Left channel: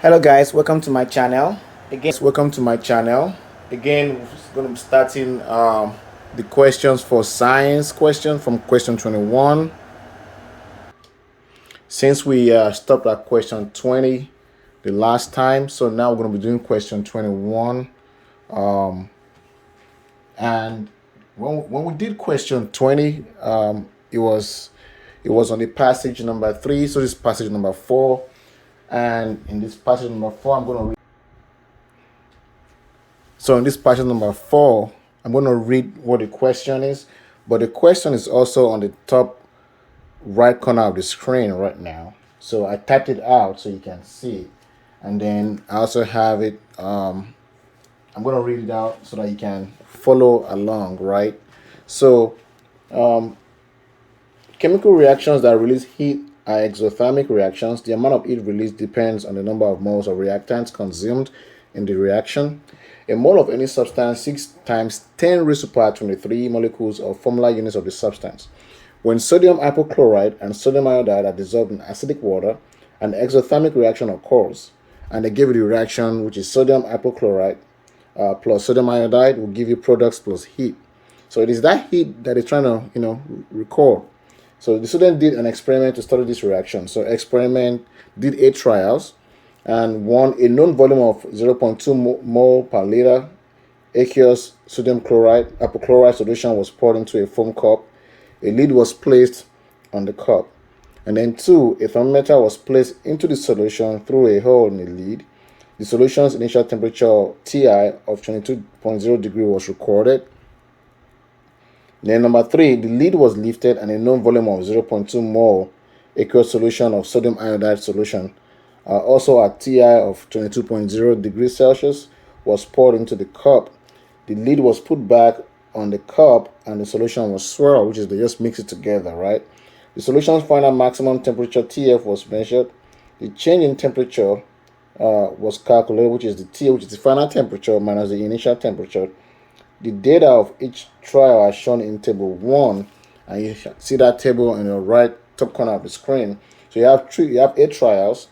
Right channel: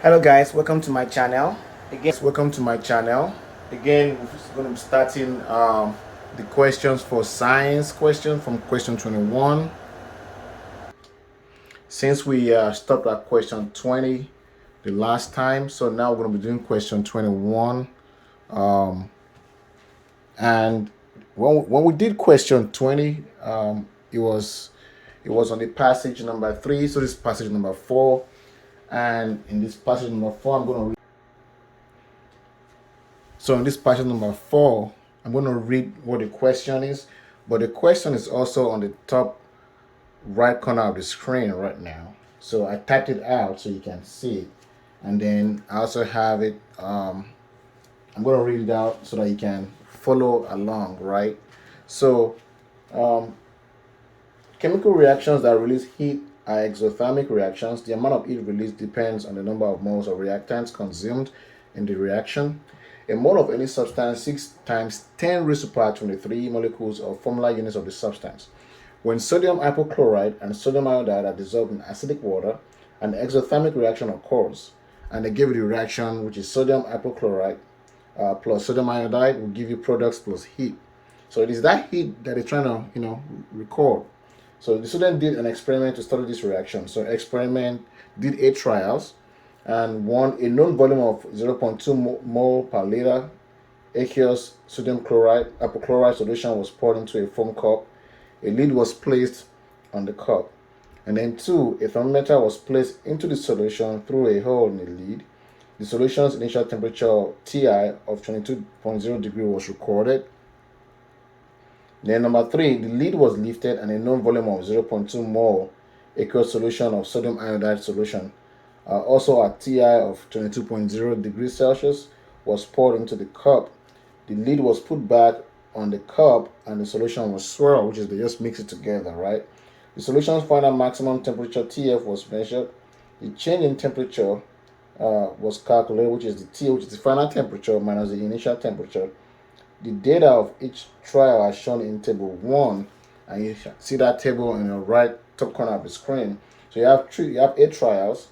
Hello guys, welcome to my channel. Again, we're going to be starting the questions for science question from question 21. Since we stopped at question 20 the last time, so now we're going to be doing question 21. And when we did question 20, it was on the passage number 3. So this is passage number 4. And in this passage number 4, I'm going to read. So in this passage number 4, I'm going to read what the question is, but the question is also on the top right corner of the screen right now. So I typed it out so you can see it, and then I also have it. I'm going to read it out so that you can follow along, right? So chemical reactions that release heat are exothermic reactions. The amount of heat released depends on the number of moles of reactants consumed in the reaction. A mole of any substance 6 times 10 raised to power 23 molecules or formula units of the substance. When sodium hypochlorite and sodium iodide are dissolved in acidic water, an exothermic reaction occurs, and they give you the reaction, which is sodium hypochlorite plus sodium iodide will give you products plus heat. So it is that heat that is trying to record. So the student did an experiment to study this reaction. So experiment did 8 trials, and one, a known volume of 0.2 mole per liter aqueous sodium chloride hypochlorite solution was poured into a foam cup. A lid was placed on the cup. And then 2, a thermometer was placed into the solution through a hole in the lid. The solution's initial temperature Ti of 22.0 degree was recorded. Then number 3, the lid was lifted and a known volume of 0.2 mole aqueous solution of sodium iodide solution, also at Ti of 22.0 degrees Celsius, was poured into the cup. The lid was put back on the cup and the solution was swirled, which is they just mix it together, right? The solution's final maximum temperature Tf was measured. The change in temperature was calculated, which is the T, which is the final temperature minus the initial temperature. The data of each trial are shown in table 1, and you see that table in the right top corner of the screen. So you have 8 trials.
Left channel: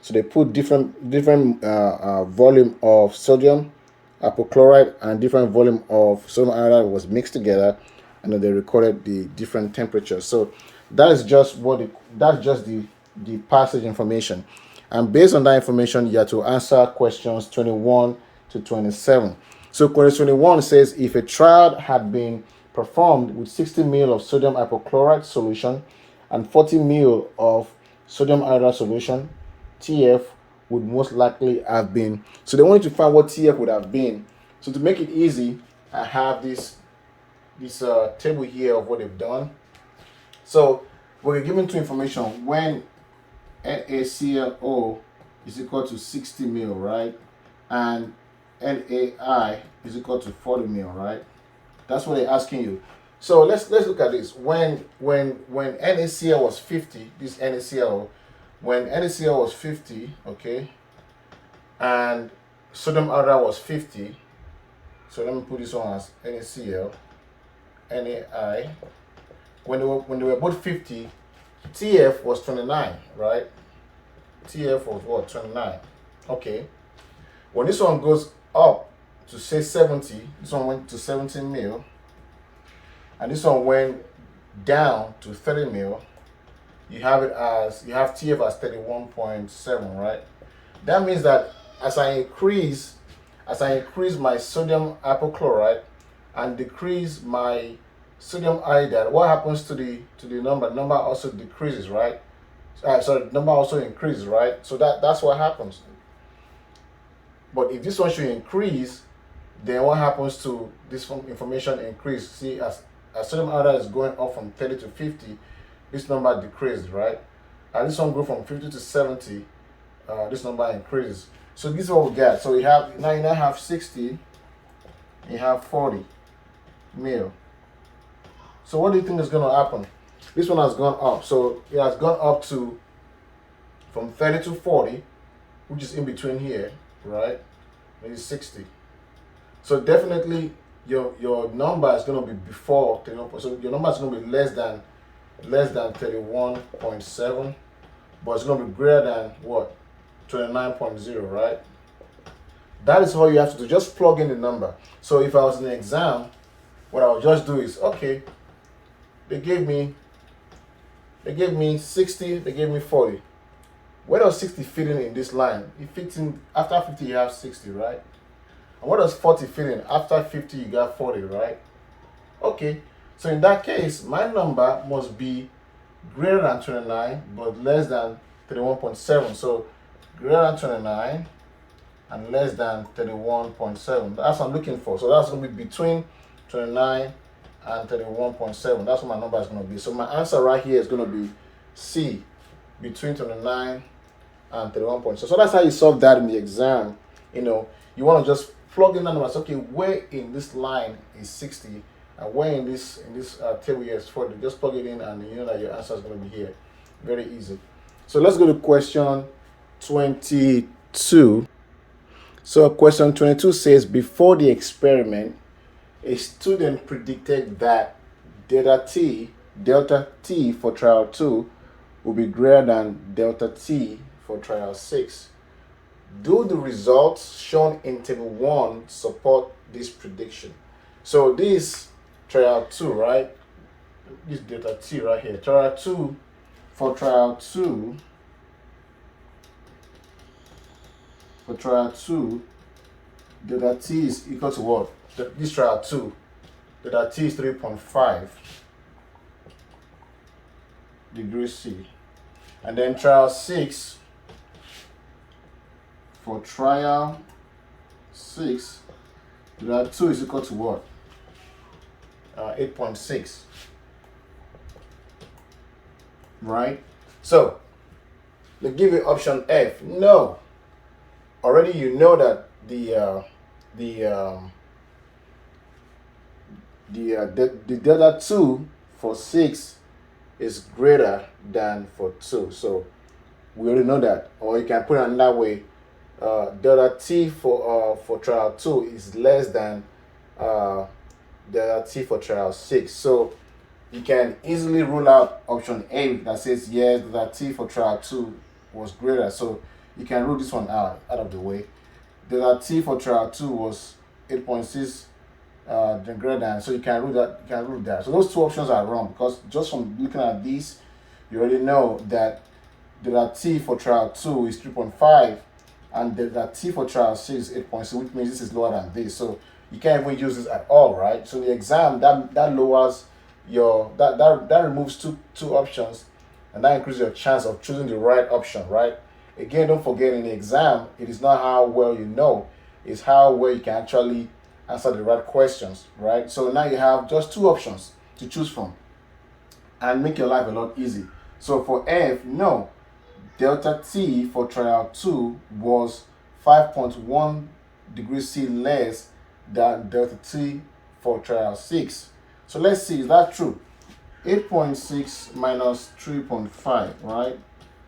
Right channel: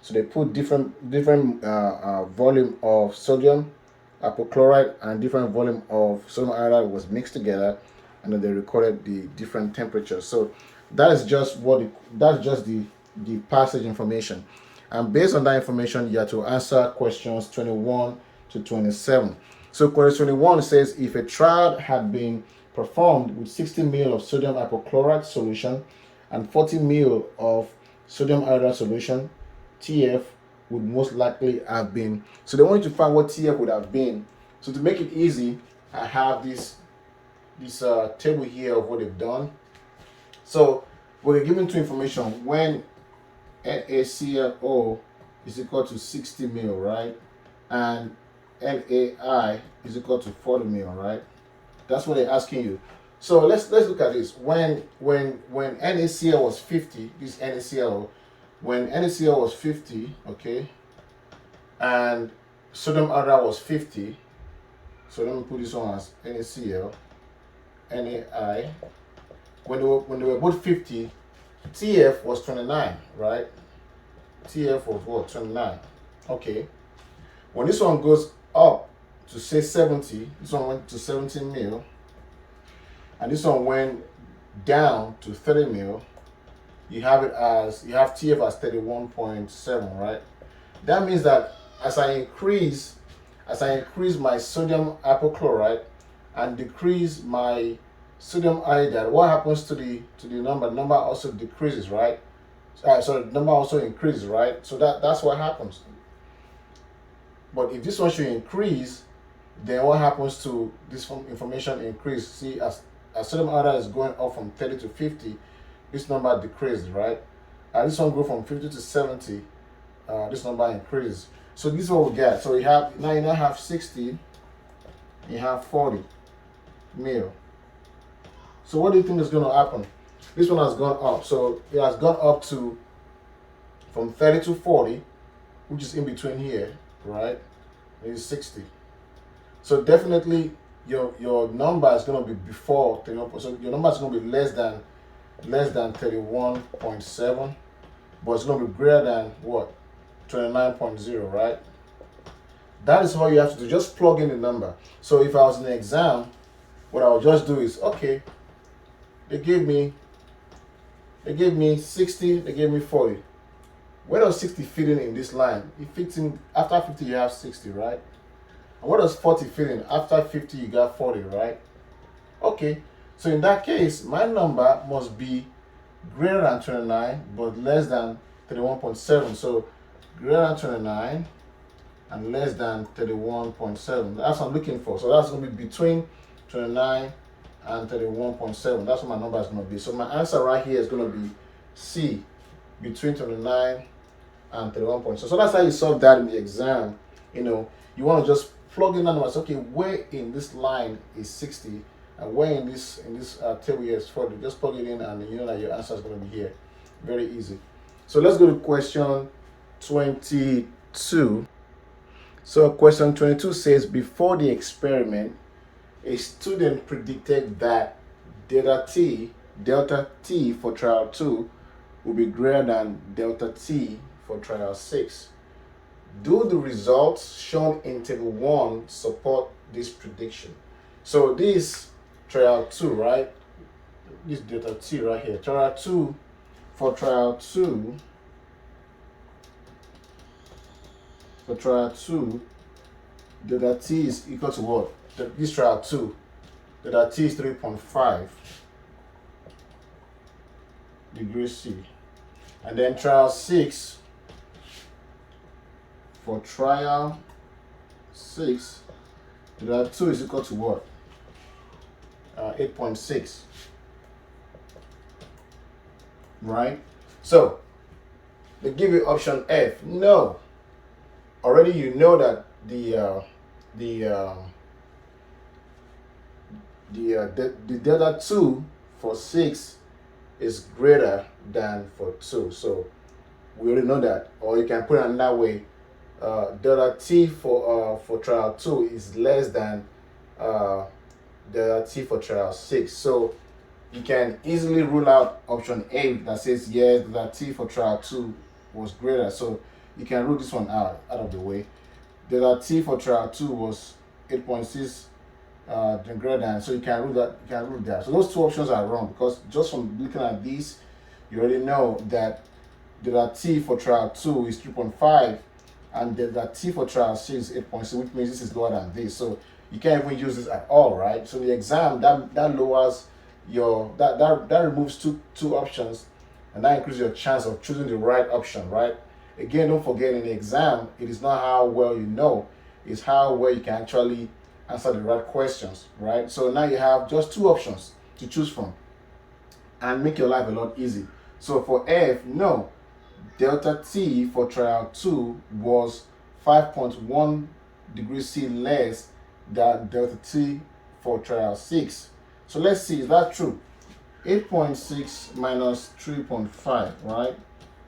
So they put different volume of sodium hypochlorite and different volume of sodium iodide was mixed together, and then they recorded the different temperatures. So that's just the passage information, and based on that information, you have to answer questions 21 to 27. So question 21 says if a trial had been performed with 60 ml of sodium hypochlorite solution and 40 ml of sodium iodide solution, Tf would most likely have been. So they wanted to find what Tf would have been. So to make it easy, I have this table here of what they've done. So we're given 2 information when NaClO is equal to 60 ml, right? And NaI is equal to 40 ml, right? That's what they're asking you. So let's look at this. When NaCl was 50, this NaCl, when NaCl was 50, okay, and sodium iodide was 50. So let me put this on as NaCl, NaI. When they were both 50, Tf was 29, right? Tf was what? 29. Okay. When this one goes up to say 70, this one went to 17 mil, and this one went down to 30 mil, you have Tf as 31.7, right? That means that as I increase my sodium hypochlorite and decrease my sodium iodide, what happens to the number? The number also decreases, right? So the number also increases, right? So that's what happens. But if this one should increase, then what happens to this information increase? See, as sodium iodide is going up from 30 to 50, this number decreases, right? And this one go from 50 to 70, this number increases. So this is what we get. So you now have 60, you have 40 mil. So what do you think is going to happen? This one has gone up. So it has gone up to from 30 to 40, which is in between here, right? It's 60. So definitely your number is going to be before 31. So your number is going to be less than 31.7, but it's going to be greater than what? 29.0, right? That is all you have to do. Just plug in the number. So if I was in an exam, what I would just do is, okay, they gave me 60, they gave me 40. Where does 60 fit in this line? It fits in after 50 you have 60, right? And what does 40 fit in? After 50 you got 40, right? Okay, so in that case, my number must be greater than 29 but less than 31.7. So greater than 29 and less than 31.7. That's what I'm looking for. So that's going to be between 29 and 31.7. That's what my number is going to be. So my answer right here is going to be C, between 29 and 31.7. So that's how you solve that in the exam. You know, you want to just plug in the numbers. Okay, where in this line is 60 and where in this table here is 40. Just plug it in and you know that your answer is going to be here. Very easy. So let's go to question 22. So question 22 says, before the experiment, a student predicted that delta t for trial 2 will be greater than delta t for trial 6. Do the results shown in table 1 support this prediction? So this trial 2, right? This delta t right here. Trial 2 for trial 2. For trial 2, delta t is equal to what? This trial 2, delta t is 3.5 degrees C. And then trial 6, for trial 6, delta 2 is equal to what? 8.6. Right? So, they give you option F. No. Already you know that the delta 2 for 6 is greater than for 2. So we already know that. Or you can put it another way. Delta t for trial 2 is less than delta t for trial 6. So you can easily rule out option A that says yes, delta t for trial 2 was greater. So you can rule this one out of the way. Delta t for trial 2 was 8.6 greater than, so you can rule that. So those two options are wrong, because just from looking at these, you already know that delta t for trial 2 is 3.5 and delta t for trial 6 is 8.6, which means this is lower than this. So you can't even use this at all, right? So the exam that lowers your that removes two options, and that increases your chance of choosing the right option, right? Again, don't forget, in the exam, it is not how well you know, it's how well you can actually answer the right questions, right? So now you have just two options to choose from and make your life a lot easy. So for F, no, delta t for trial 2 was 5.1 degrees C less than delta t for trial 6. So let's see, is that true? 8.6 minus 3.5, right?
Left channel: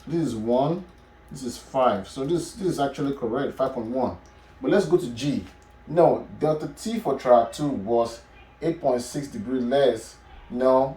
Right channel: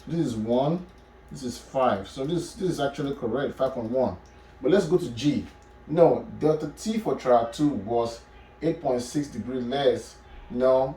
This is 1. This is 5. So this is actually correct, 5.1. But let's go to G. No, delta t for trial 2 was 8.6 degrees less. No,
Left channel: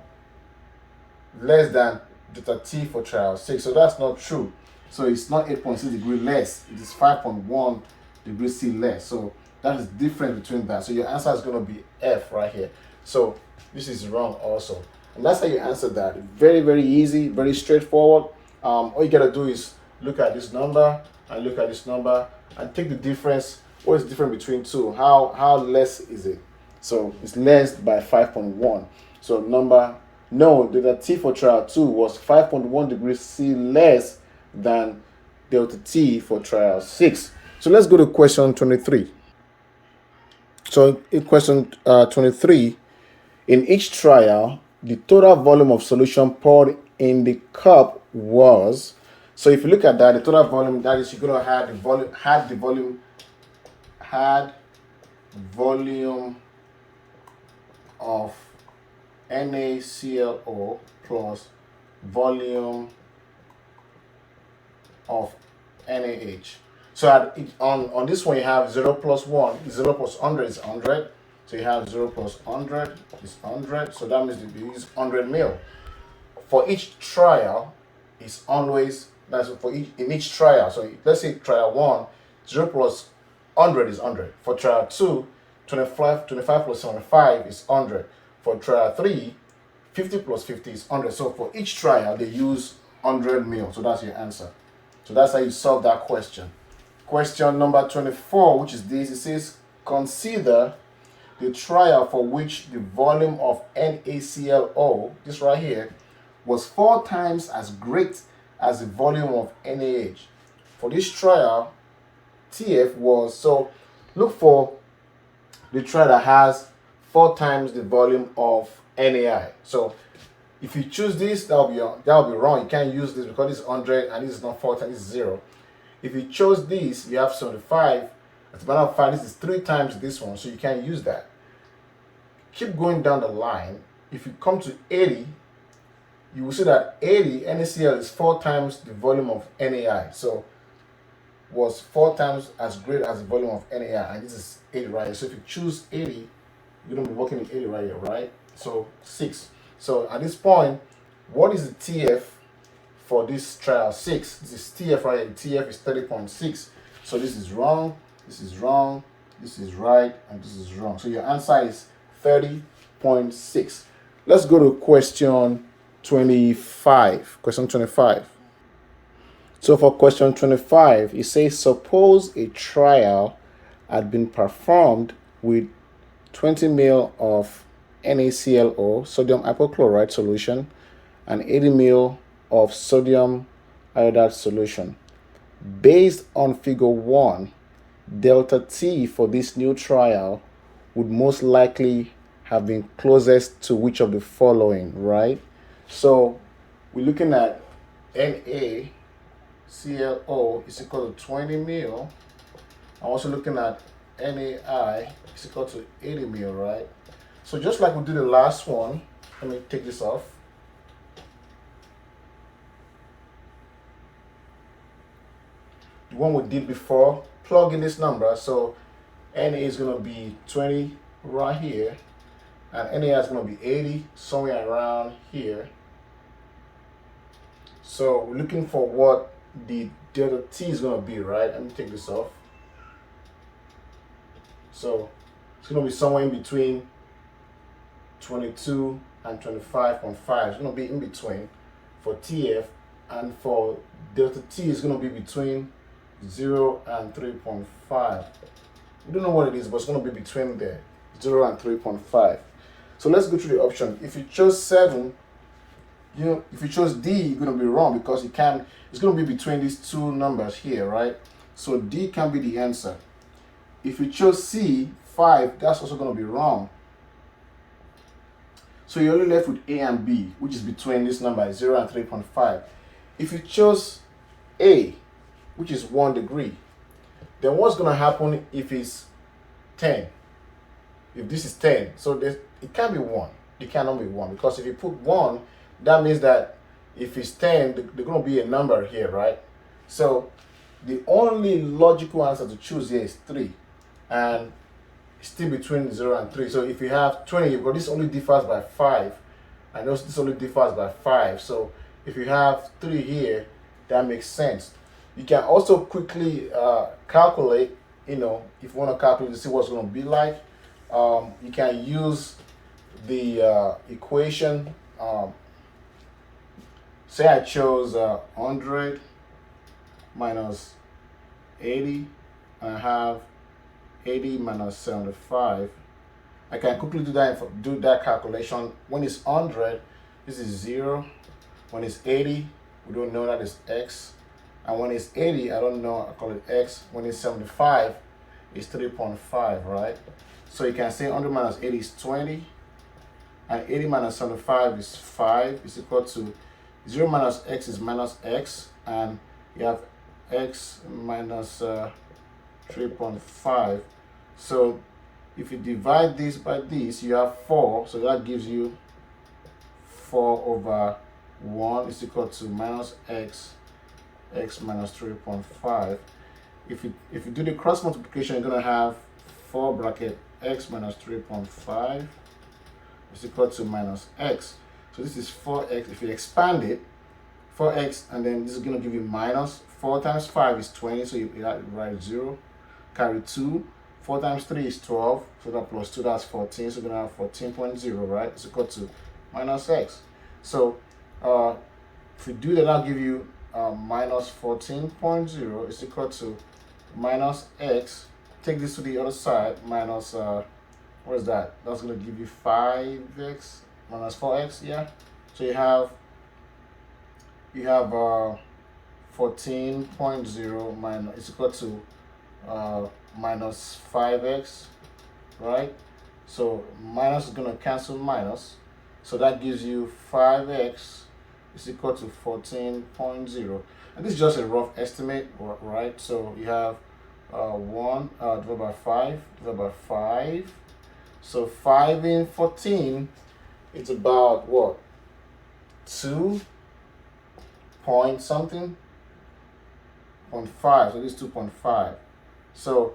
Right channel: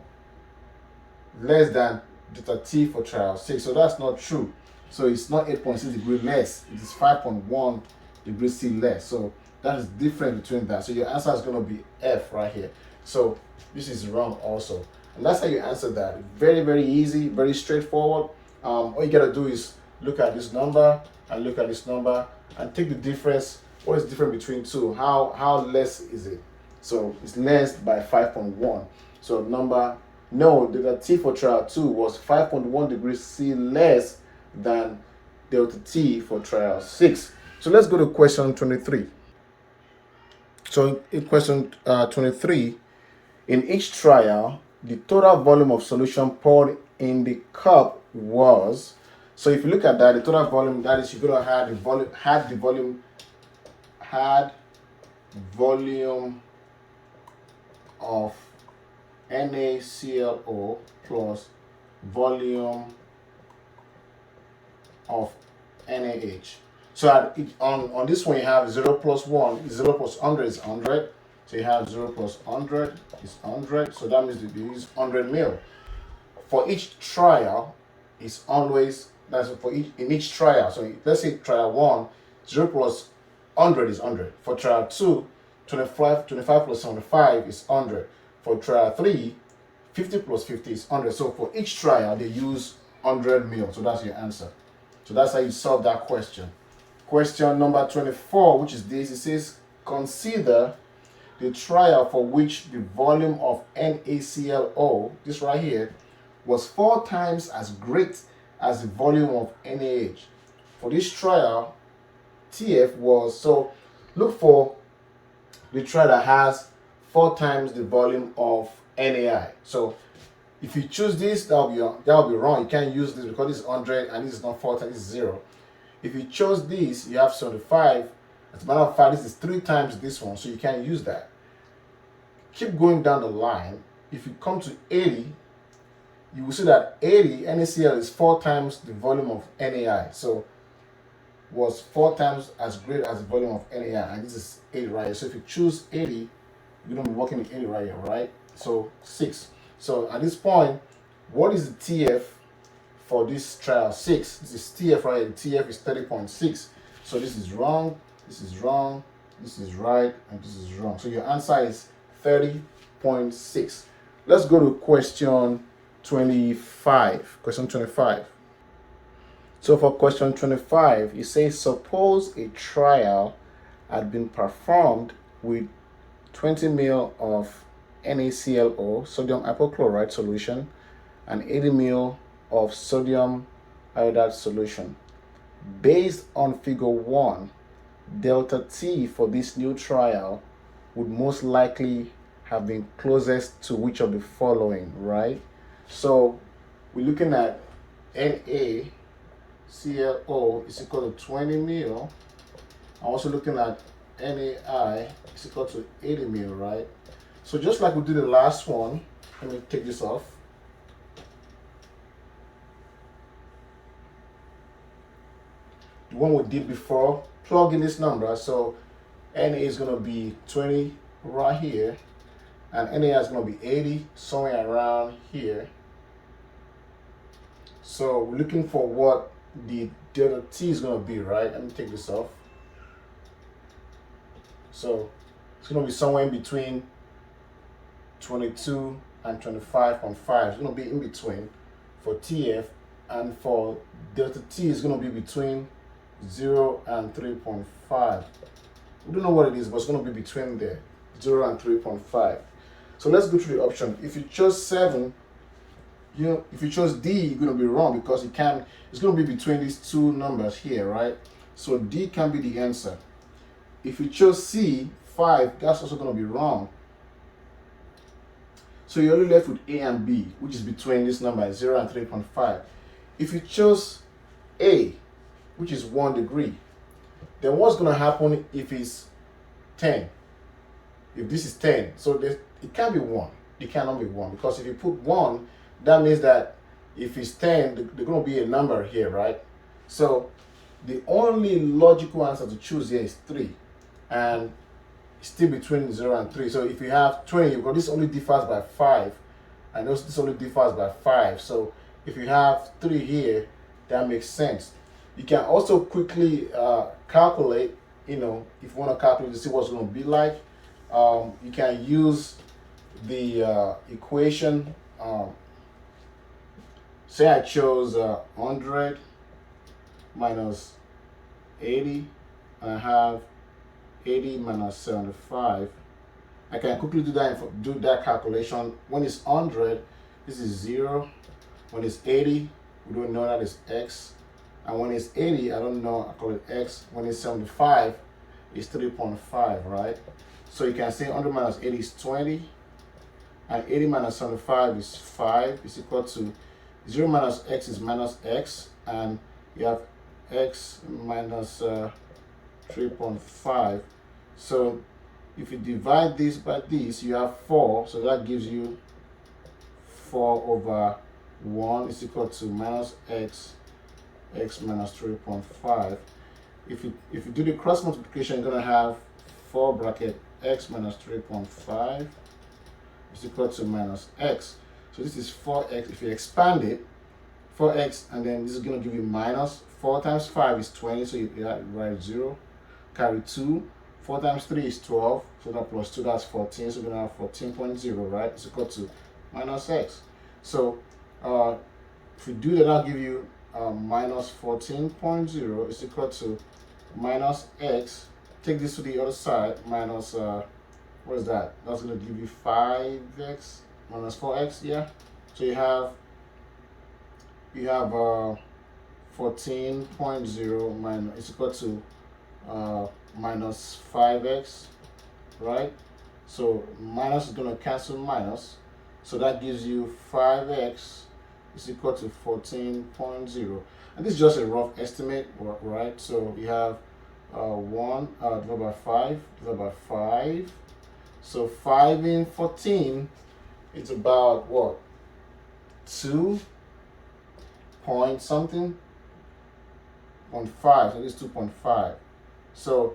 less than delta t for trial 6. So that's not true. So it's not 8.6 degrees less. It is 5.1 degrees C less. So that is different between that. So your answer is going to be F right here. So this is wrong also. And that's how you answer that. Very, very easy, very straightforward. All you got to do is look at this number and look at this number and take the difference. What is different between two? How less is it? So it's less by 5.1. So delta t for trial 2 was 5.1 degrees C less than delta t for trial 6. So let's go to question 23. So in question 23, in each trial, the total volume of solution poured in the cup was. So if you look at that, the total volume, that is, you're gonna have the volume of NaClO plus volume of NaH. So on this one, you have 0 plus 1, 0 plus 100 is 100. So you have 0 plus 100 is 100. So that means you use 100 ml. For each trial, it's always That's for in each trial. So let's say trial 1, 0 plus 100 is 100. For trial 2, 25 plus 75 is 100. For trial 3, 50 plus 50 is 100. So for each trial, they use 100 mil. So that's your answer. So that's how you solve that question. Question number 24, which is this. It says, consider the trial for which the volume of NaClO, this right here, was 4 times as great as the volume of NaH. For this trial, TF was, so look for the trial that has 4 times the volume of NaI. So if you choose this, that'll be wrong. You can't use this because this is 100 and this is not 4 times, this is 0. If you chose this, you have 75. As a matter of fact, this is 3 times this one, so you can't use that. Keep going down the line. If you come to 80, you will see that 80 NaCl is 4 times the volume of NaI. So was 4 times as great as the volume of NaI, and this is 80 right here. So if you choose 80, you're gonna be working with 80 right here, right? So 6. So at this point, what is the TF for this trial? 6. This is TF right here. TF is 30.6. So this is wrong, this is wrong, this is right, and this is wrong. So your answer is 30.6. Let's go to question 25. Question 25. So for question 25, it says, suppose a trial had been performed with 20 ml of NaClO, sodium hypochlorite solution, and 80 ml of sodium iodide solution. Based on figure 1, delta T for this new trial would most likely have been closest to which of the following, right? So we're looking at NaClO is equal to 20 ml. I'm also looking at NaI is equal to 80 ml, right? So just like we did the last one, let me take this off. The one we did before, plug in this number. So Na is going to be 20 right here, and NaI is going to be 80 somewhere around here. So we're looking for what the delta T is going to be, right? Let me take this off. So it's going to be somewhere in between 22 and 25.5. It's going to be in between for TF, and for delta T is going to be between 0 and 3.5. We don't know what it is, but it's going to be between there, 0 and 3.5. So let's go through the option. If you chose 7, if you chose D, you're going to be wrong because it's going to be between these two numbers here, right? So D can be the answer. If you chose C, 5, that's also going to be wrong. So you're only left with A and B, which is between this number 0 and 3.5. If you chose A, which is 1 degree, then what's going to happen if it's 10? If this is 10, so it can't be 1. It cannot be 1, because if you put 1, that means that if it's 10, there's going to be a number here, right? So the only logical answer to choose here is 3, and it's still between 0 and 3. So if you have 20, because this only differs by 5, and this only differs by 5. So if you have 3 here, that makes sense. You can also quickly calculate, if you want to calculate to see what's going to be like. You can use the equation. Say I chose 100 minus 80, and I have 80 minus 75. I can quickly do that calculation. When it's 100, this is 0. When it's 80, we don't know that is x. And when it's 80, I don't know, I call it x. When it's 75, it's 3.5, right? So you can say 100 minus 80 is 20, and 80 minus 75 is 5. It's equal to 0 minus x is minus x, and you have x minus 3.5. So if you divide this by this, you have 4. So that gives you 4 over 1 is equal to minus x minus 3.5. If you do the cross multiplication, you're going to have 4 bracket x minus 3.5 is equal to minus x. So this is 4x. If you expand it, 4x, and then this is going to give you minus 4 times 5 is 20, so you write 0, carry 2, 4 times 3 is 12, so that plus 2, that's 14, so we're going to have 14.0, right? It's equal to minus x. So if we do that, I'll give you minus 14.0 is equal to minus x. Take this to the other side, minus, what is that? That's going to give you 5x minus 4x, yeah? So you have 14.0 minus is equal to minus 5x, right? So minus is going to cancel minus, so that gives you 5x is equal to 14.0, and this is just a rough estimate, right? So you have 1 divided by 5 divided by 5, so 5 in 14, it's about what, 2 point something, 0.5, so this is 2.5. So,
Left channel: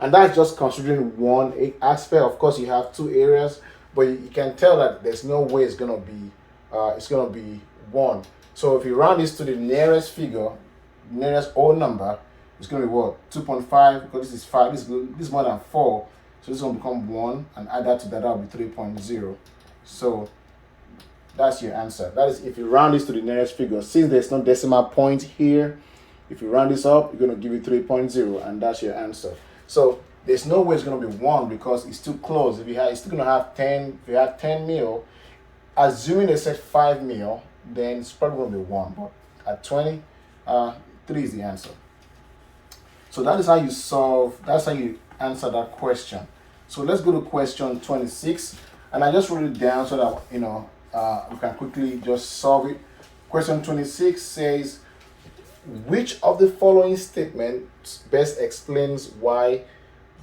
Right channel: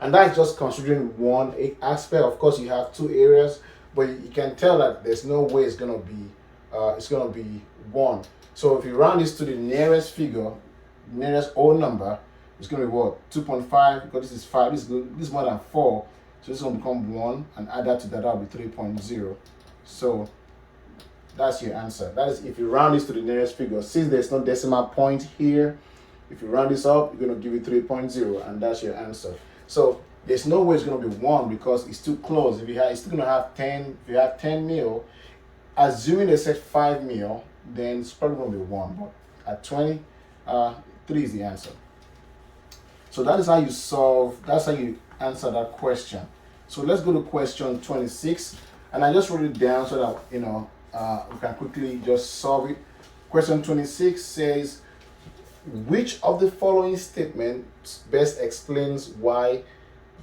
and that's just considering one aspect. Of course, you have two areas, but you can tell that there's no way it's gonna be 1. So if you round this to the nearest figure, nearest whole number, it's gonna be what, 2.5, because this is 5, this is more than 4, so this will become 1, and add that to that, that'll be 3.0. So that's your answer. That is if you round this to the nearest figure. Since there's no decimal point here, if you round this up, you're going to give you 3.0, and that's your answer. So there's no way it's going to be 1 because it's too close. If you have, it's still going to have 10. If you have 10 mil, assuming they said 5 mil, then it's probably going to be 1. But at 20, 3 is the answer. So that is how you solve. That's how you answer that question. So let's go to question 26, and I just wrote it down so that we can quickly just solve it. Question 26 says, which of the following statements best explains why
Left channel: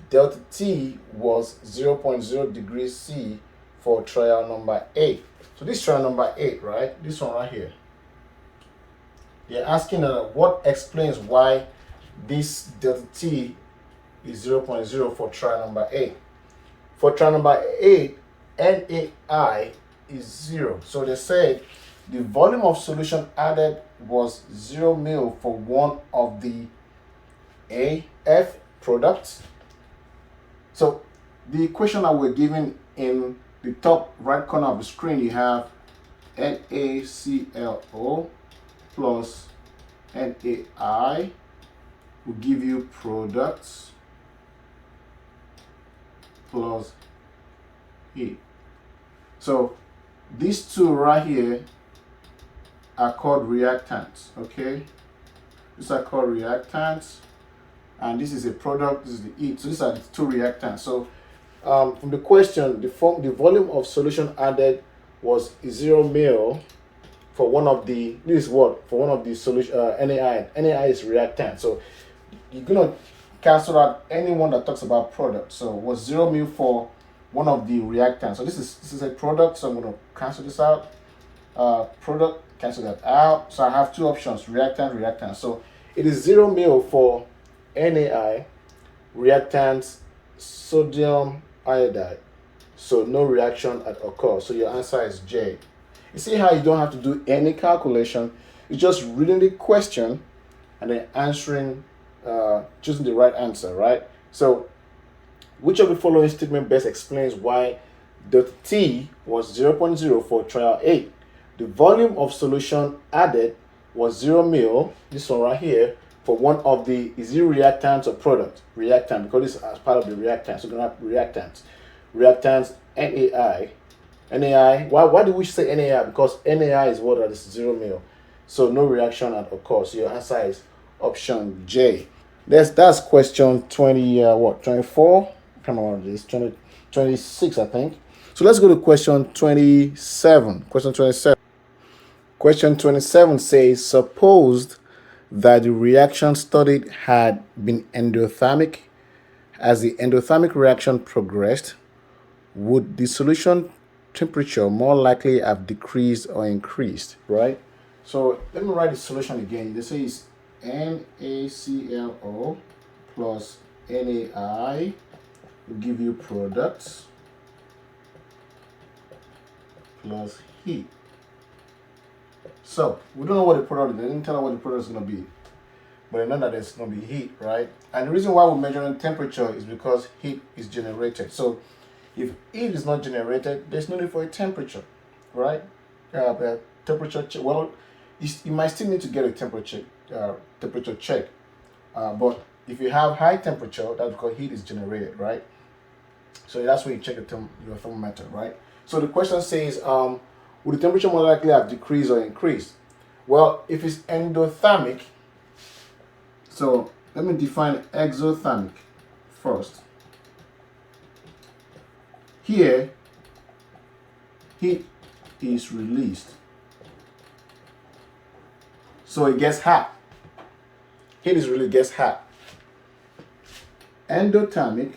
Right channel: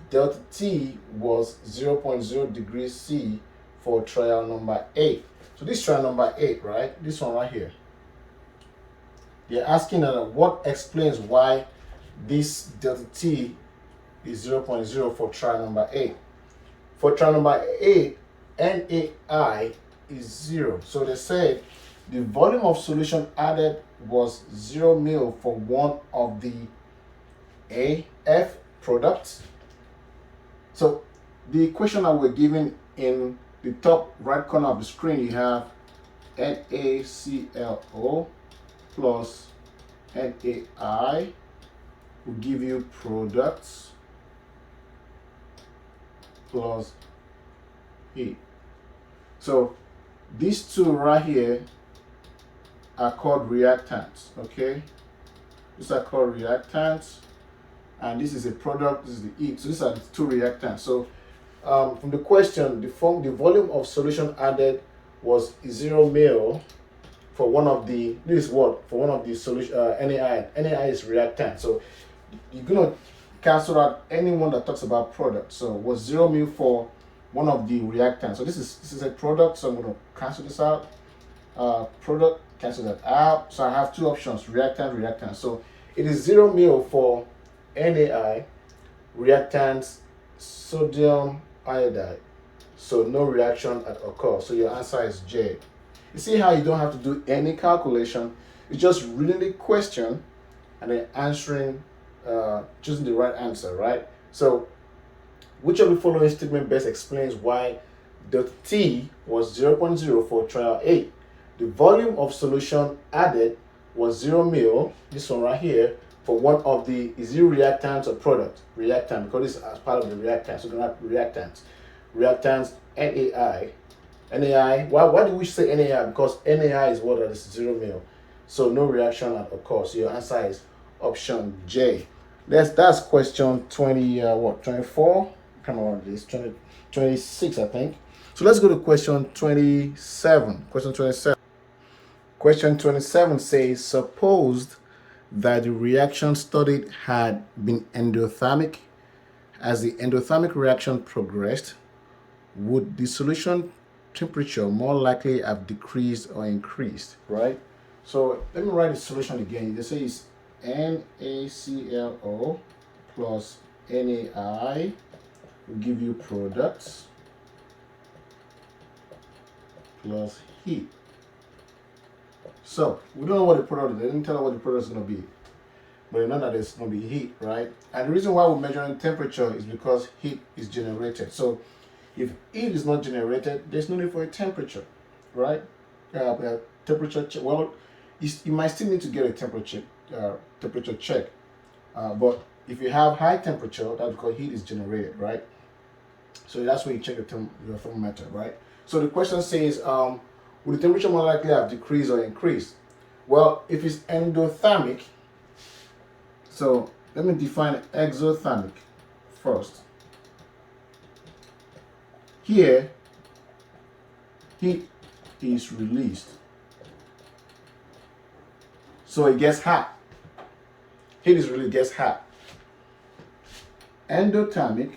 delta t was 0.0 degrees C for trial number 8? So this trial number 8, right? This one right here. They're asking what explains why this delta t is 0.0 for trial number 8. For trial number 8, NAI is 0. So they said the volume of solution added was 0 mil for one of the AF products. So the equation that we're given in the top right corner of the screen, you have NaClO plus NaI will give you products plus heat. So these two right here are called reactants, okay? These are called reactants, and this is a product, this is the heat. So these are the two reactants. So from the question, the volume of solution added was 0 mil for one of the, this is what? For one of the solution, NaI. NaI is reactant. So you're going to cancel out anyone that talks about product. So it was 0 mil for one of the reactants. So this is a product, so I'm going to cancel this out. Product, cancel that out. So I have two options, reactant. So it is 0 mil for NaI, reactant sodium iodide. So no reaction at occur. So your answer is J. You see how you don't have to do any calculation. It's just reading the question and then answering, choosing the right answer, right? So which of the following statement best explains why delta T was 0.0 for trial 8? The volume of solution added was 0 mil, this one right here, for one of the, is it reactants or product? Reactant, because this is as part of the reactant. So we're going to have reactants. Reactants, NaI. NaI, why do we say NaI? Because NaI is what is 0 mil. So no reaction at occur. So your answer is option J. That's question 24? Come on, this 26, I think. So let's go to question 27. Question 27. Question 27 says, supposed that the reaction studied had been endothermic. As the endothermic reaction progressed, would the solution temperature more likely have decreased or increased, right? So let me write the solution again. This is NaClO plus NaI will give you products plus heat. So we don't know what the product is. They didn't tell us what the product is going to be. But I know that it's going to be heat, right? And the reason why we're measuring temperature is because heat is generated. So if heat is not generated, there's no need for a temperature, right? Temperature check. Well, you might still need to get a temperature check. But if you have high temperature, that's because heat is generated, right? So that's where you check your thermometer, right? So the question says, would the temperature more likely have decreased or increased? Well, if it's endothermic, so let me define exothermic first. Here, heat is released. So it gets hot. Heat is really gets hot. Endothermic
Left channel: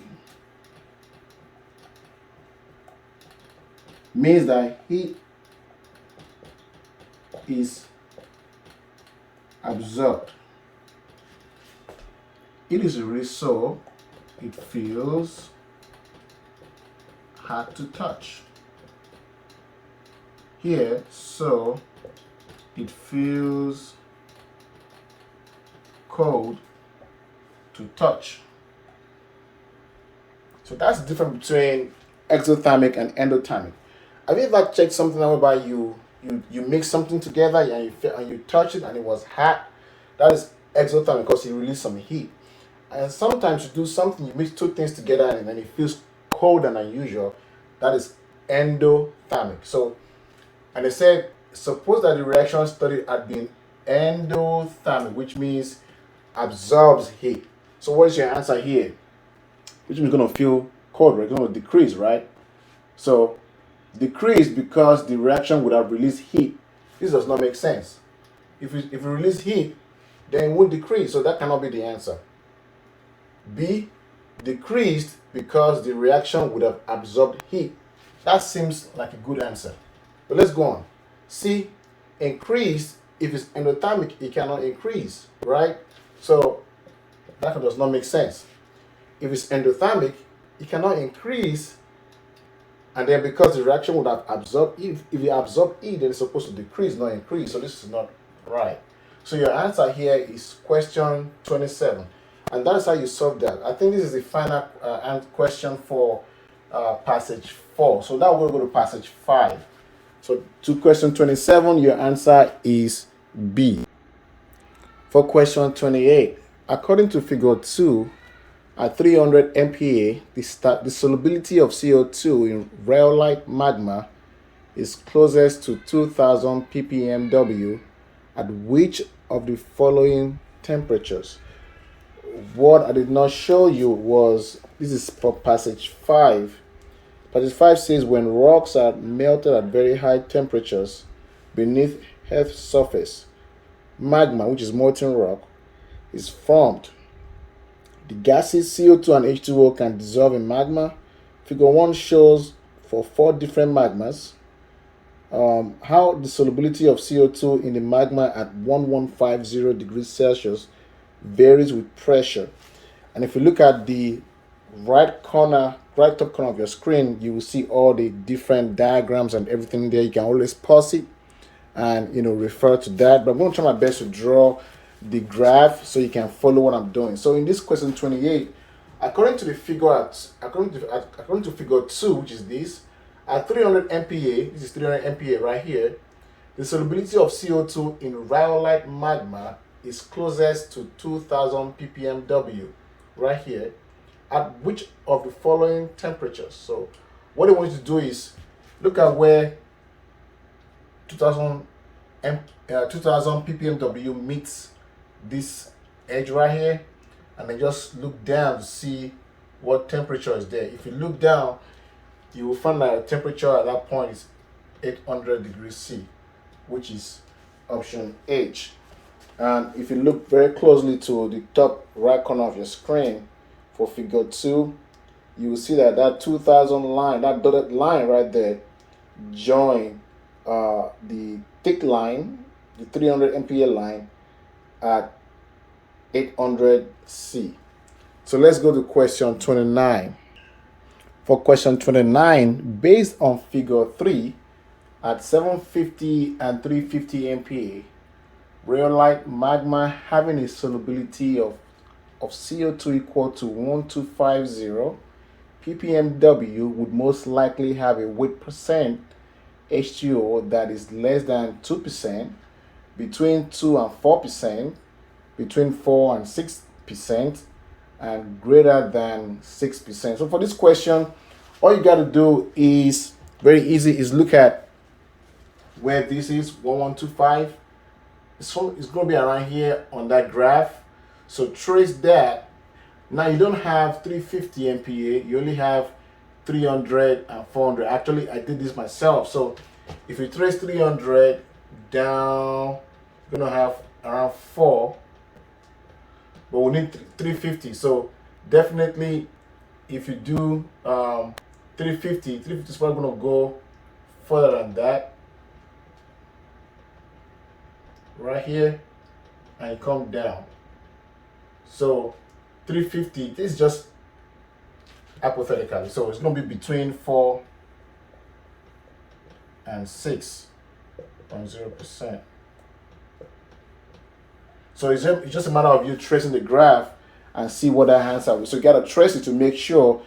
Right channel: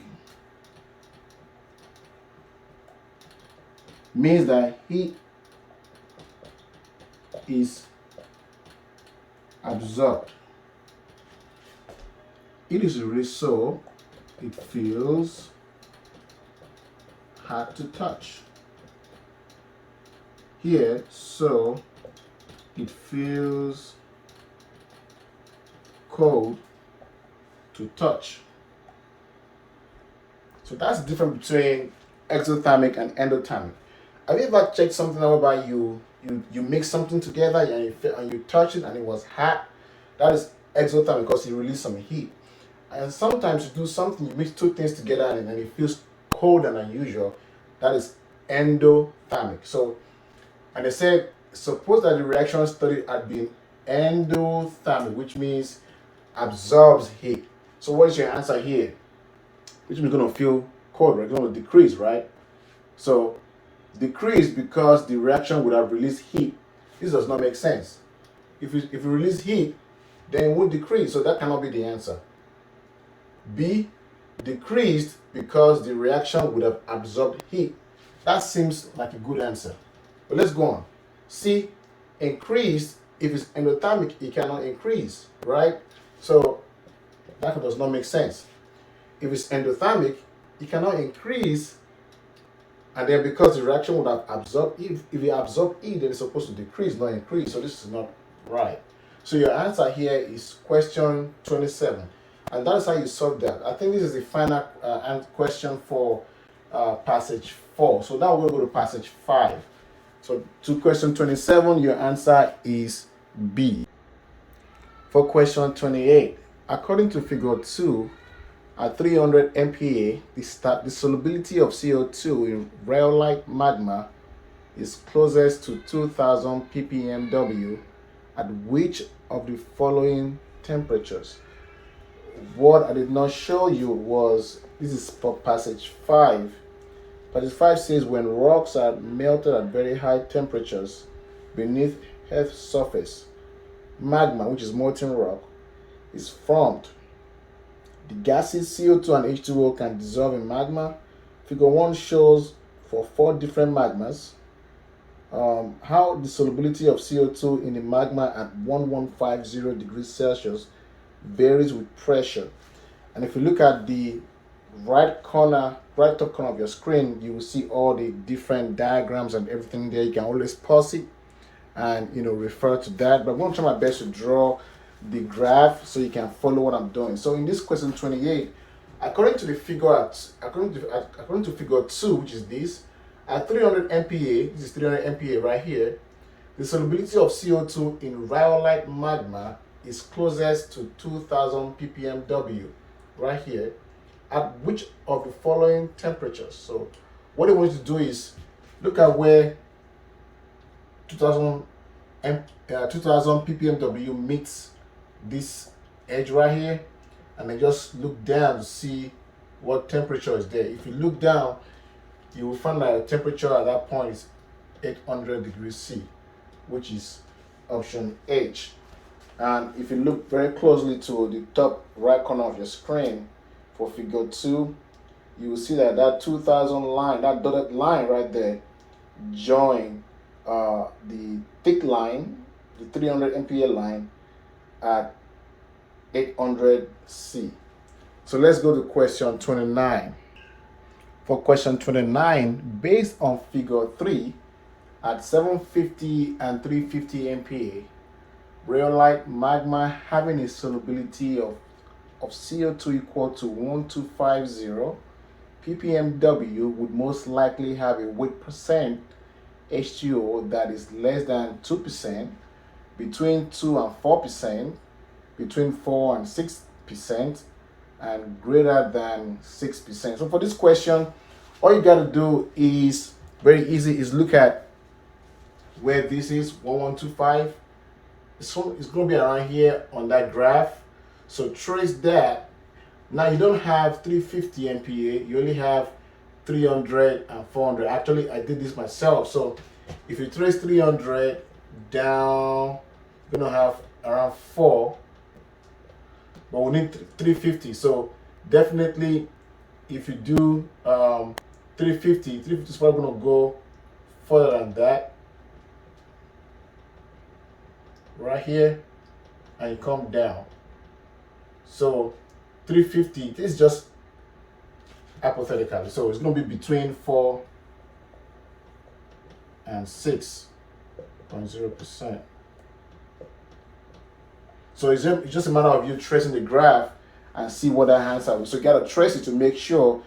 means that heat is absorbed. It is released, so it feels hard to touch. Here, so it feels cold to touch. So that's the difference between exothermic and endothermic. Have you ever checked something out whereby you mix something together and you touch it and it was hot? That is exothermic because it released some heat. And sometimes you do something, you mix two things together and then it feels cold and unusual. That is endothermic. So, and they said, suppose that the reaction studied had been endothermic, which means absorbs heat. So what is your answer here? Which means going to feel cold, right? It's going to decrease, right? So decrease because the reaction would have released heat. This does not make sense. If you release heat, then it won't decrease. So that cannot be the answer. B, decreased because the reaction would have absorbed heat. That seems like a good answer. But let's go on. C, increased. If it's endothermic, it cannot increase, right? So that does not make sense. If it's endothermic, it cannot increase. And then because the reaction would have absorbed heat, if you absorb heat, then it's supposed to decrease, not increase. So this is not right. So your answer here is question 27. And that's how you solve that. I think this is the final question for passage 4. So now we'll go to passage 5. So to question 27, your answer is B. For question 28, according to figure 2, at 300 MPa, the solubility of CO2 in rhyolite magma is closest to 2000 ppmW at which of the following temperatures? What I did not show you was, this is for passage 5. Passage 5 says when rocks are melted at very high temperatures beneath Earth's surface, magma, which is molten rock, is formed. The gases CO2 and H2O can dissolve in magma. Figure 1 shows for 4 different magmas how the solubility of CO2 in the magma at 1150 degrees Celsius varies with pressure. And if you look at the right top corner of your screen, you will see all the different diagrams and everything there. You can always pause it and refer to that. But I'm going to try my best to draw the graph so you can follow what I'm doing. So in this question 28, according to figure 2, which is this, at 300 MPa, this is 300 MPa right here, the solubility of CO2 in rhyolite magma is closest to 2000 ppmW right here at which of the following temperatures? So what I want you to do is look at where 2000 ppmW meets this edge right here, and then just look down to see what temperature is there. If you look down, you will find that the temperature at that point is 800 degrees C, which is option H. And if you look very closely to the top right corner of your screen for figure 2, you will see that 2000 line, that dotted line right there, join the thick line, the 300 MPa line at 800 C. So let's go to question 29. For question 29, based on figure 3, At 750 and 350 MPa, rhyolite magma having a solubility of CO2 equal to 1250 ppmw would most likely have a weight percent H2O that is less than 2%, between 2 and 4%, between 4 and 6%, and greater than 6%. So for this question, all you got to do is very easy, is look at where this is 1125. It's going to be around here on that graph. So trace that. Now you don't have 350 MPa, you only have 300 and 400. Actually, I did this myself. So if you trace 300 down, you're going to have around 4, but we need 350. So definitely, if you do 350 is probably going to go further than that. Right here, and you come down. So 350, this is just hypothetically. So it's going to be between 4 and 6.0%. So it's just a matter of you tracing the graph and see what that answer is. So you got to trace it to make sure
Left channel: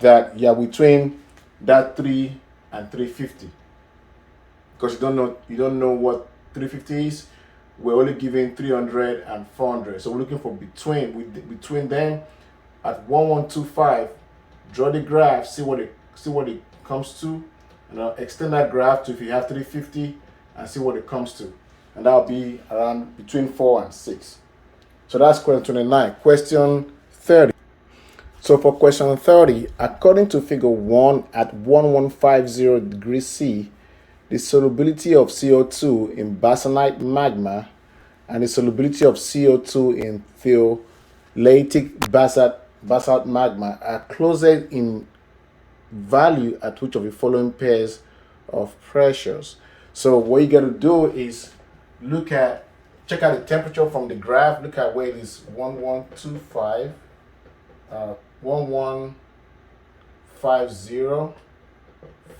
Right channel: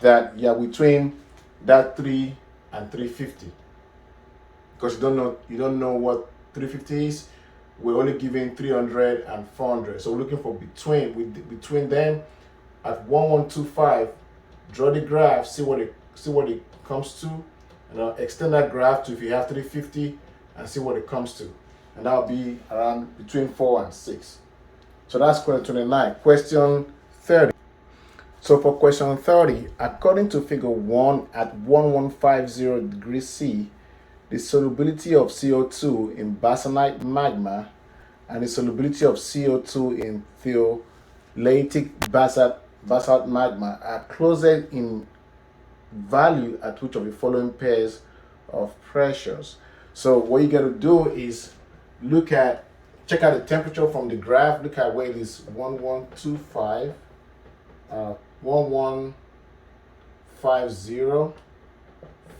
that you're between that 3 and 350. Because you don't know what 350 is. We're only giving 300 and 400. So we're looking for between them at 1125. Draw the graph, see what it comes to, and I'll extend that graph to if you have 350 and see what it comes to. And that'll be around between 4 and 6. So that's question 29. Question 30. So for question 30, according to figure 1 at 1150 degrees C, the solubility of CO2 in basanite magma and the solubility of CO2 in phtholitic basalt magma are closer in value at which of the following pairs of pressures. So what you got to do is check out the temperature from the graph. Look at where it is 1125, 1150.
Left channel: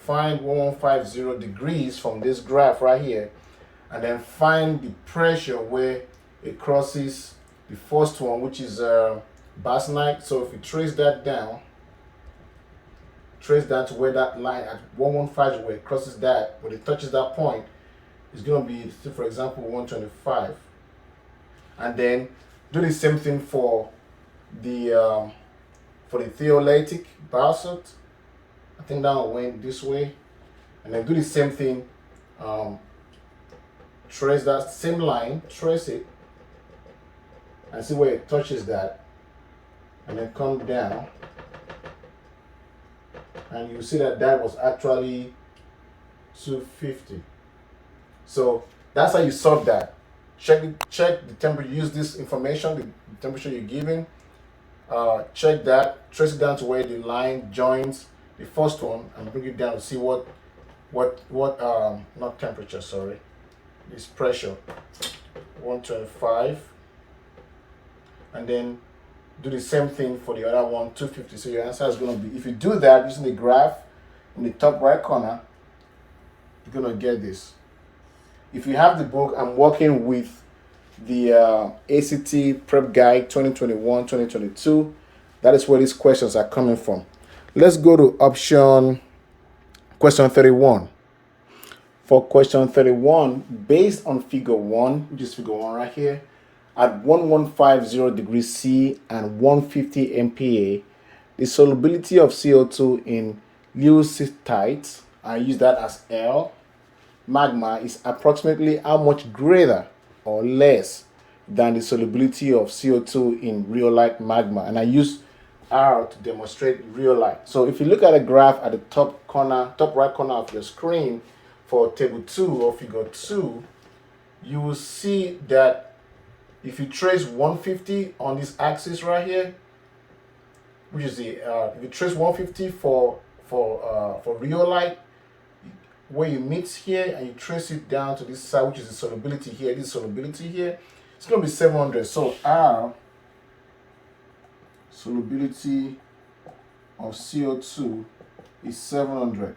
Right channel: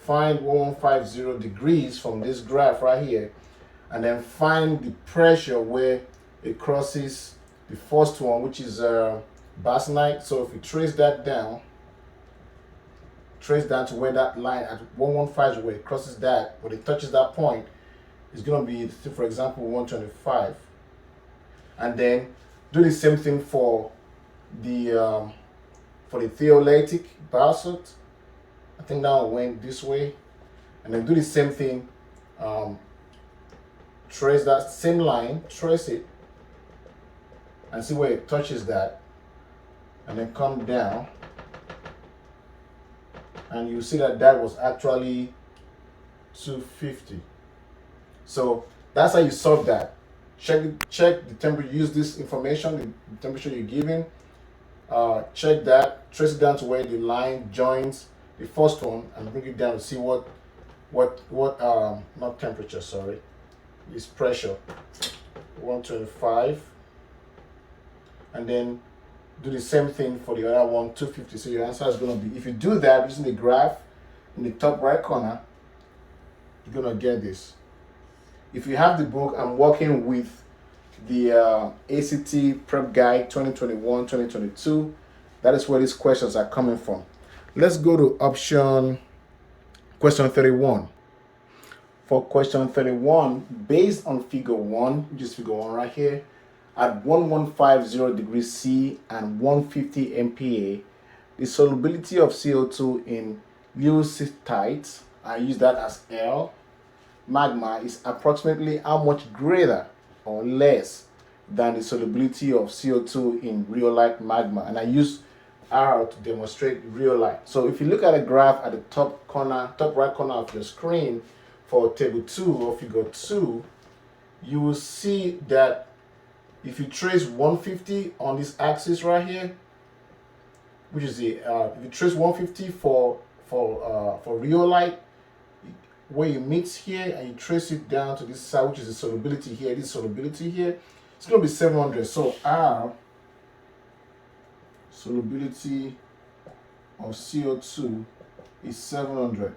Find 1150 degrees from this graph right here, and then find the pressure where it crosses the first one, which is basanite. So if you trace down to where that line at 1150, where it crosses that, when it touches that point, it's going to be, for example, 125. And then do the same thing for the phtholitic basalt. I think that one went this way. And then do the same thing. Trace that same line, trace it, and see where it touches that. And then come down. And you see that was actually 250. So that's how you solve that. Check the temperature, use this information, the temperature you're given. Check that, trace it down to where the line joins the first one, and bring it down to see what not temperature, sorry, this pressure, 125, and then do the same thing for the other one, 250. So your answer is going to be, if you do that using the graph in the top right corner, you're going to get this. If you have the book, I'm working with the ACT Prep Guide 2021-2022. That is where these questions are coming from. Let's go to question 31. For question 31, based on figure 1, which is figure 1 right here, at 1150 degrees C and 150 MPa, the solubility of CO2 in leucitite, I use that as L, magma is approximately how much greater or less than the solubility of CO2 in rhyolite magma. And I use R to demonstrate rhyolite. So if you look at a graph at the top right corner of your screen for table 2 or figure 2, you will see that if you trace 150 on this axis right here, which is the if you trace 150 for rhyolite, where you mix here and you trace it down to this side, which is the solubility here, this solubility here, it's going to be 700. So R, solubility of CO2, is 700.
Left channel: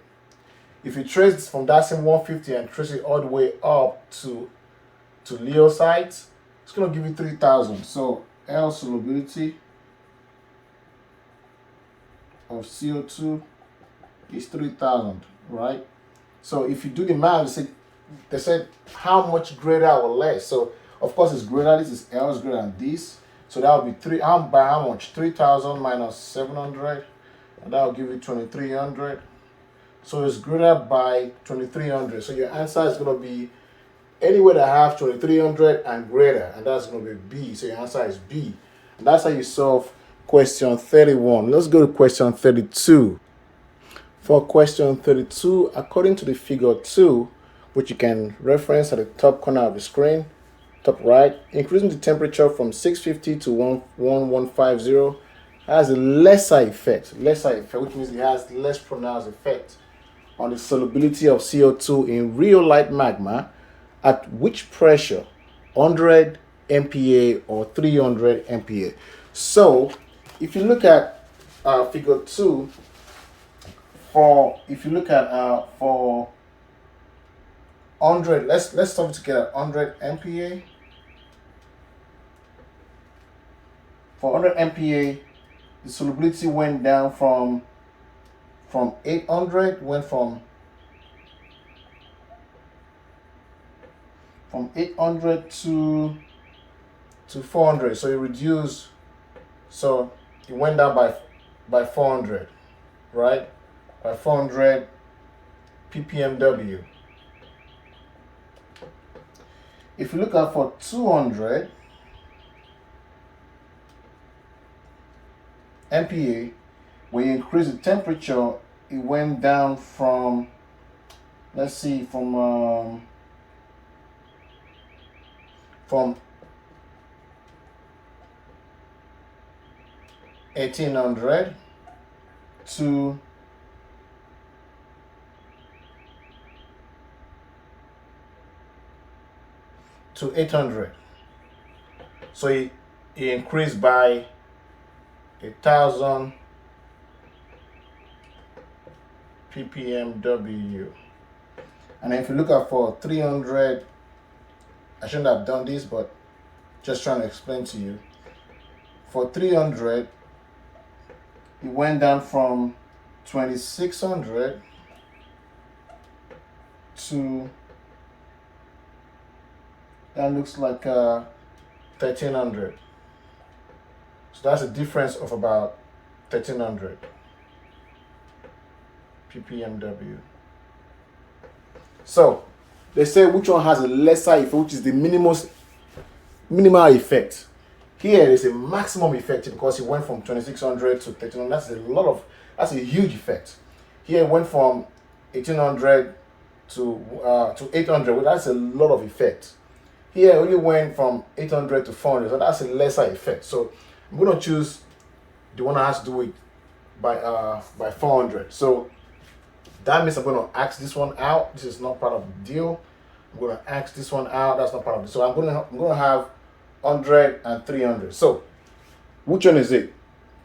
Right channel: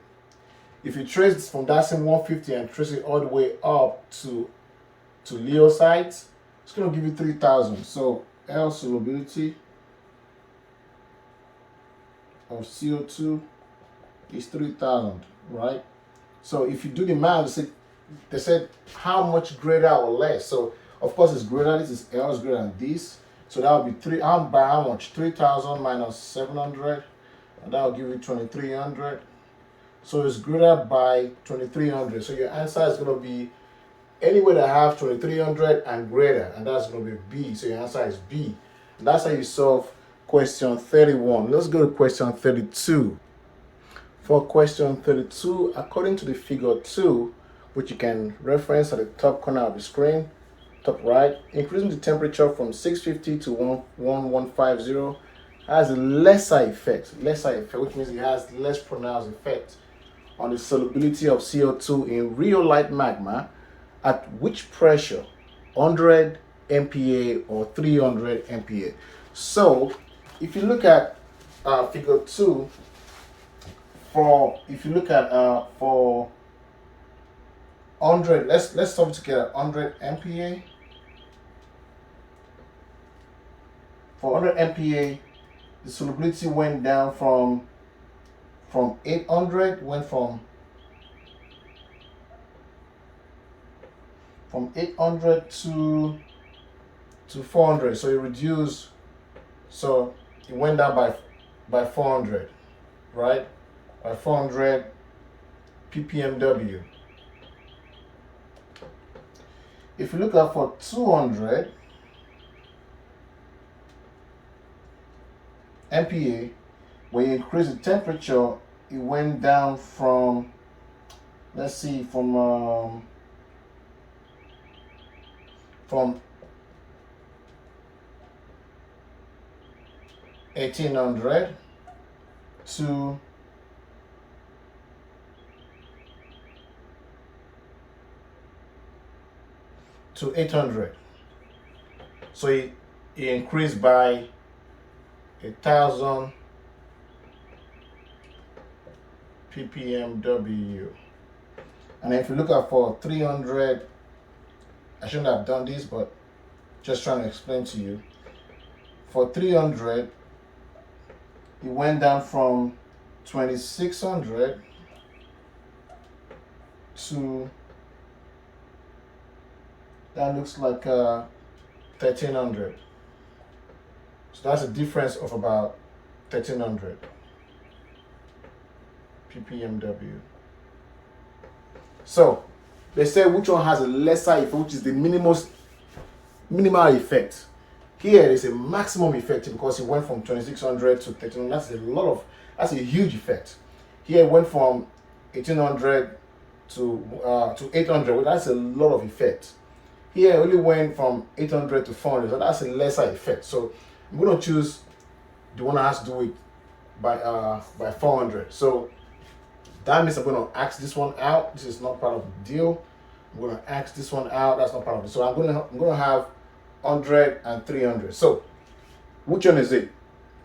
If you trace from that same 150 and trace it all the way up to Leo sites, it's going to give you 3,000. So L solubility of CO2 is 3,000, right? So if you do the math, they said how much greater or less. So of course it's greater. This is L is greater than this. So that would be by how much? 3,000 minus 700, and that will give you 2,300. So it's greater by 2,300. So your answer is going to be anywhere that have 2,300 and greater, and that's going to be B. So your answer is B. And that's how you solve question 31. Let's go to question 32. For question 32, according to the figure 2, which you can reference at the top corner of the screen, top right, increasing the temperature from 650 to 1150 has a lesser effect, which means it has less pronounced effect on the solubility of CO2 in rhyolite magma at which pressure? 100 MPa or 300 MPa. So if you look at figure 2, for 100, let's stop together. 100 MPa. For 100 MPa, the solubility went down from 800, went from 800 to 400. So it reduced. So it went down by 400, right? By 400 ppmw. If you look at for 200 MPa, when you increase the temperature, it went down from, let's see, from 1800 to 800. So it increased by 1,000 ppmw. And if you look at for 300, I shouldn't have done this, but just trying to explain to you. For 300, it went down from 2,600 to, that looks like 1,300. So that's a difference of about 1,300 ppmw. So they say which one has a lesser effect, which is the minimal effect. Here is a maximum effect because it went from 2,600 to 1,300. That's a huge effect. Here it went from 1,800 to 800. Well, that's a lot of effect. Here it only went from 800 to 400. So that's a lesser effect. So I'm going to choose the one that has to do it by 400. So that means I'm going to ask this one out. This is not part of the deal. I'm going to ask this one out. That's not part of it. So I'm going to have 100 and 300. So which one is it?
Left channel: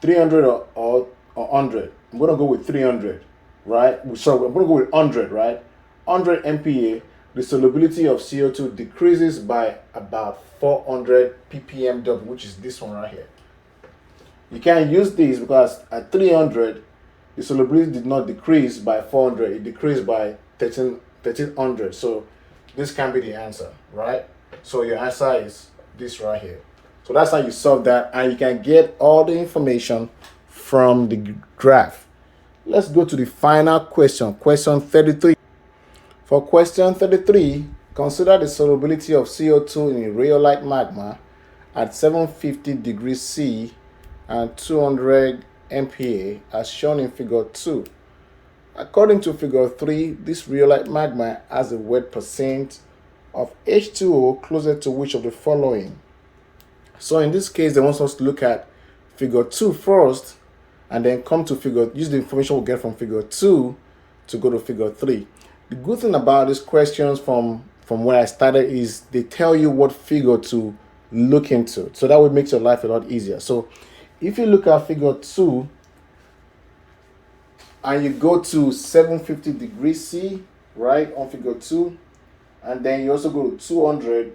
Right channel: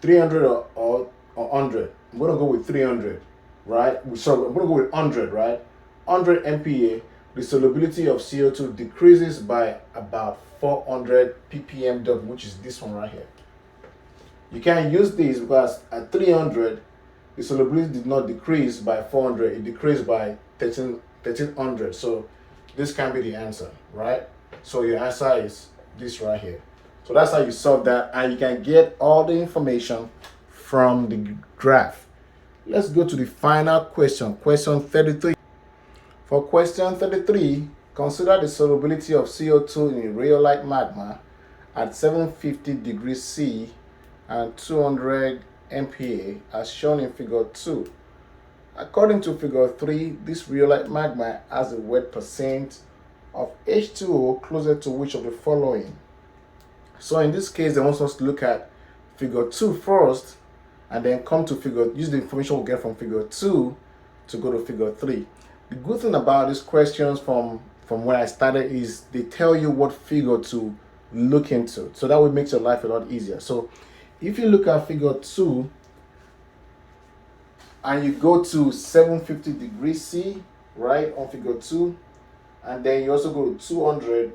300 or 100? I'm going to go with 300, right? So I'm going to go with 100, right? 100 MPa. The solubility of CO2 decreases by about 400 ppmw, which is this one right here. You can't use this because at 300, the solubility did not decrease by 400. It decreased by 1,300. So this can be the answer, right? So your answer is this right here. So that's how you solve that, and you can get all the information from the graph. Let's go to the final question, question 33. For question 33, consider the solubility of CO2 in a rhyolite magma at 750 degrees C and 200 MPa as shown in figure 2. According to figure 3, this rhyolite magma has a wet percent of H2O closer to which of the following? So in this case, they want us to look at figure 2 first and then come to use the information we get from figure 2 to go to figure 3. The good thing about these questions from where I started is they tell you what figure to look into. So that would make your life a lot easier. So if you look at figure 2, and you go to 750 degrees C, right, on figure 2, and then you also go to 200,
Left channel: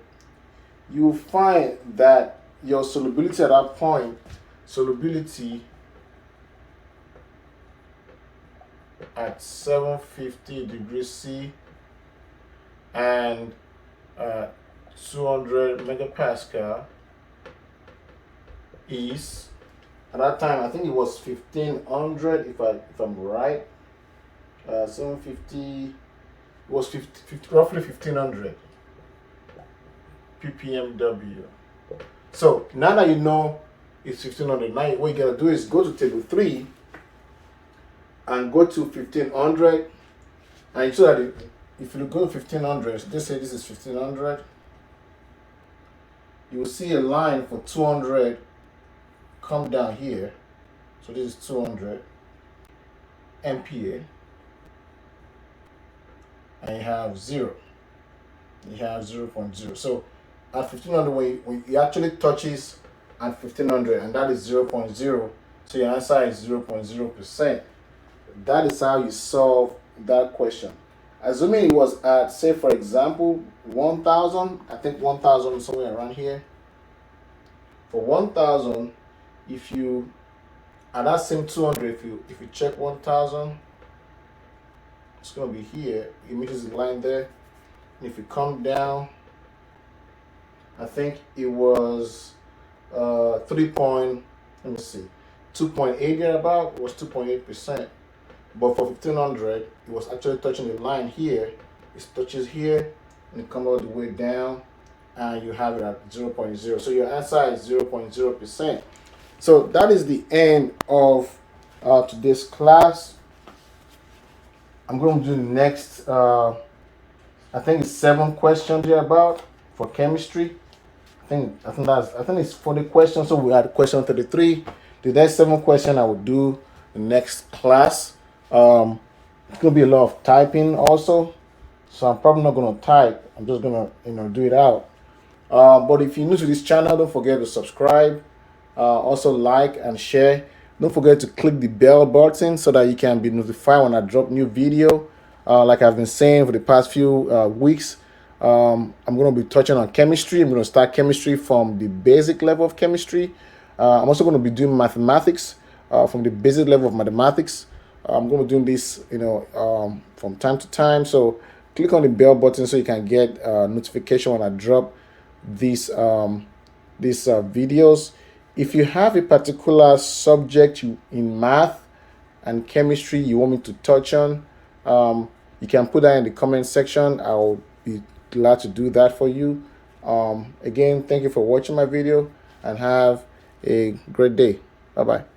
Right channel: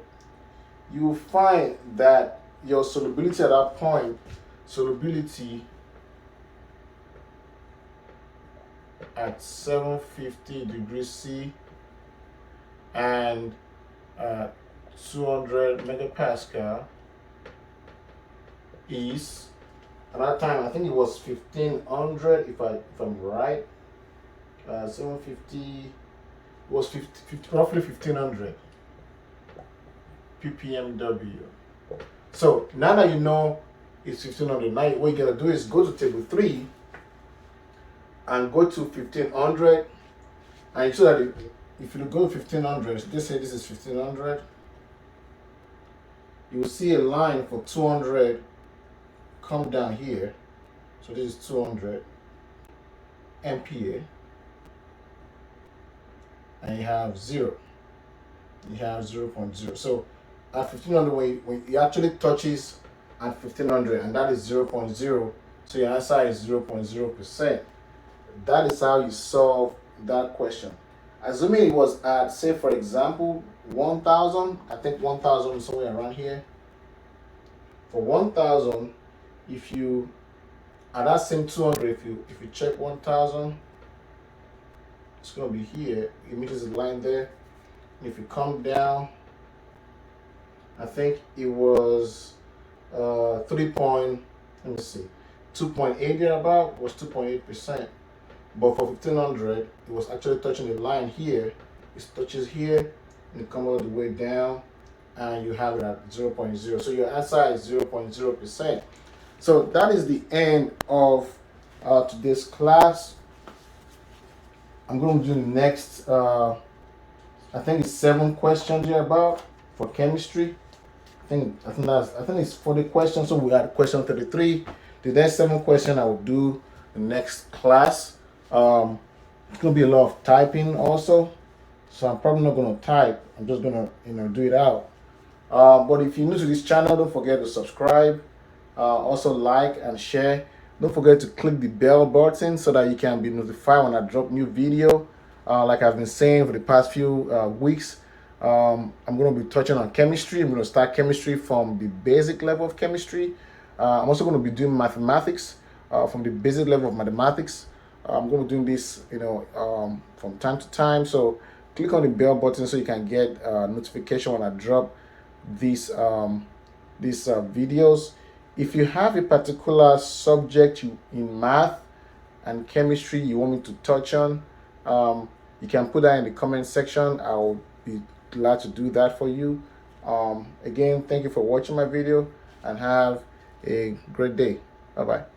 you find that your solubility at that point, solubility at 750 degrees C and 200 megapascal is, at that time I think it was 1500 if I'm right. 750 was roughly 1500 ppmw. So now that you know it's 1500, now what you gotta do is go to table 3 and go to 1500, and so that if you go 1500, so just say this is 1500, you will see a line for 200 come down here. So this is 200 MPa, and you have 0. You have 0.0. So at 1500, when it actually touches at 1500, and that is 0.0, so your answer is 0.0%. That is how you solve that question. Assuming it was at, say for example, 1000, I think 1000 somewhere around here. For 1000, if you, at that same 200, if you check 1000, it's going to be here. It meets the line there. And if you come down, I think it was 2.8 there about, was 2.8%. But for 1500, it was actually touching the line here. It touches here and it comes all the way down, and you have it at 0.0. So your answer is 0.0%. So that is the end of today's class. I'm going to do the next, I think it's 7 questions here about for chemistry. I think it's 40 questions. So we had question 33. The next 7 questions I will do the next class. It's gonna be a lot of typing also, so I'm probably not gonna type. I'm just gonna do it out. But if you're new to this channel, don't forget to subscribe. Also like and share. Don't forget to click the bell button so that you can be notified when I drop new video. Like I've been saying for the past few weeks, I'm going to be touching on chemistry. I'm going to start chemistry from the basic level of chemistry. I'm also going to be doing mathematics from the basic level of mathematics. I'm going to be doing this, from time to time. So click on the bell button so you can get notification when I drop these videos. If you have a particular subject in math and chemistry you want me to touch on, you can put that in the comment section. I will be glad to do that for you. Again, thank you for watching my video and have a great day. Bye-bye.